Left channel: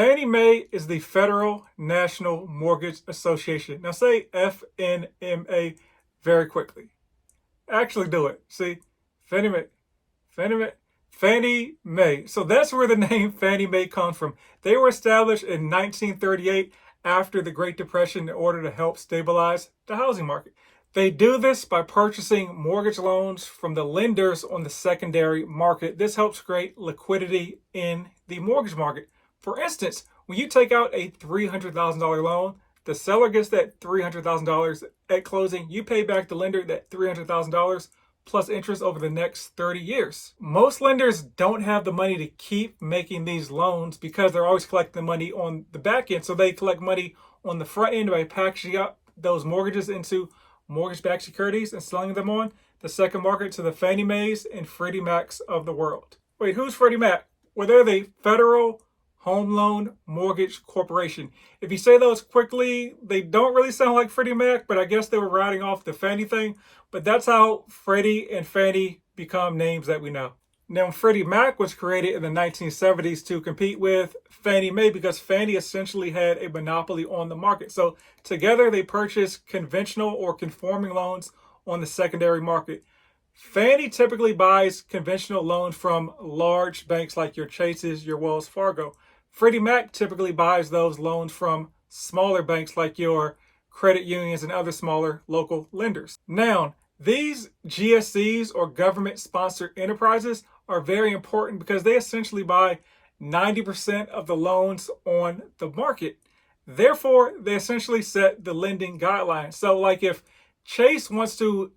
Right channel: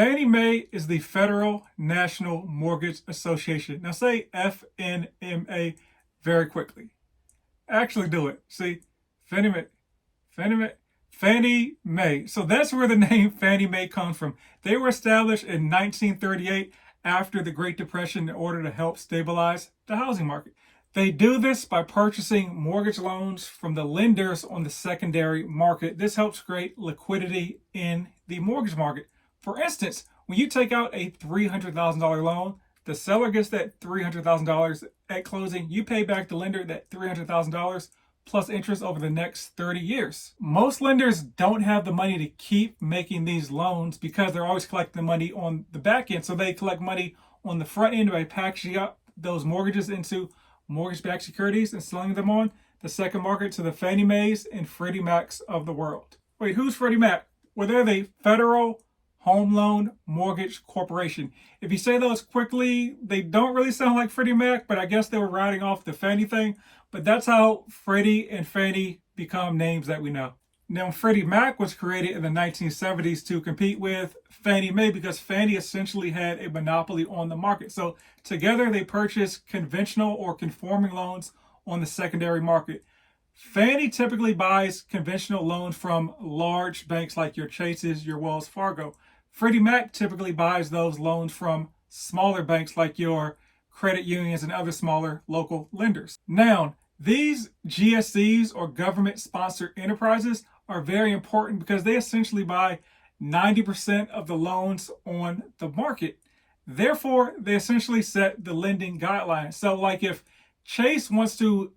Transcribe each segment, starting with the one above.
Fannie Mae is the Federal National Mortgage Association. Now say FNMA very quickly. Actually do it. See, Fannie Mae, Fannie Mae, Fannie Mae. So that's where the name Fannie Mae comes from. They were established in 1938 after the Great Depression in order to help stabilize the housing market. They do this by purchasing mortgage loans from the lenders on the secondary market. This helps create liquidity in the mortgage market. For instance, when you take out a $300,000 loan, the seller gets that $300,000 at closing. You pay back the lender that $300,000 plus interest over the next 30 years. Most lenders don't have the money to keep making these loans because they're always collecting money on the back end. So they collect money on the front end by packaging up those mortgages into mortgage-backed securities and selling them on the second market to the Fannie Mae's and Freddie Macs of the world. Wait, who's Freddie Mac? Well, they're the Federal Home Loan Mortgage Corporation. If you say those quickly, they don't really sound like Freddie Mac, but I guess they were riding off the Fannie thing. But that's how Freddie and Fannie become names that we know. Now, Freddie Mac was created in the 1970s to compete with Fannie Mae because Fannie essentially had a monopoly on the market. So together they purchased conventional or conforming loans on the secondary market. Fannie typically buys conventional loans from large banks like your Chases, your Wells Fargo. Freddie Mac typically buys those loans from smaller banks like your credit unions and other smaller local lenders. Now, these GSEs or government-sponsored enterprises are very important because they essentially buy 90% of the loans on the market. Therefore, they essentially set the lending guidelines. So like if Chase wants to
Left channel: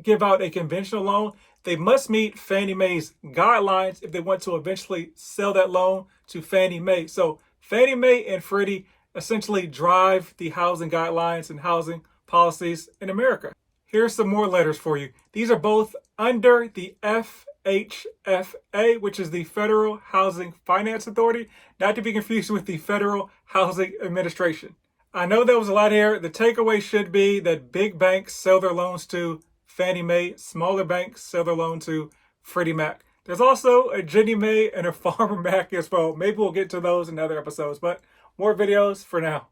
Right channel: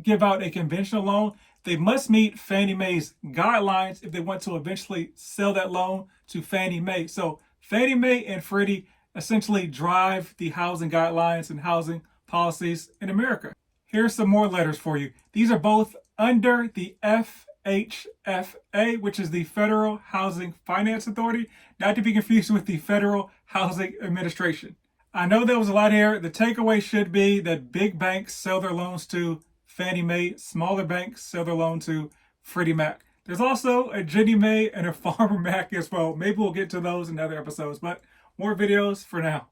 give out a conventional loan, they must meet Fannie Mae's guidelines if they want to eventually sell that loan to Fannie Mae. So Fannie Mae and Freddie essentially drive the housing guidelines and housing policies in America. Here's some more letters for you. These are both under the FHFA, which is the Federal Housing Finance Authority, not to be confused with the Federal Housing Administration. I know there was a lot here. The takeaway should be that big banks sell their loans to Fannie Mae, smaller banks sell their loan to Freddie Mac. There's also a Ginnie Mae and a Farmer Mac as well. Maybe we'll get to those in other episodes, but more videos for now.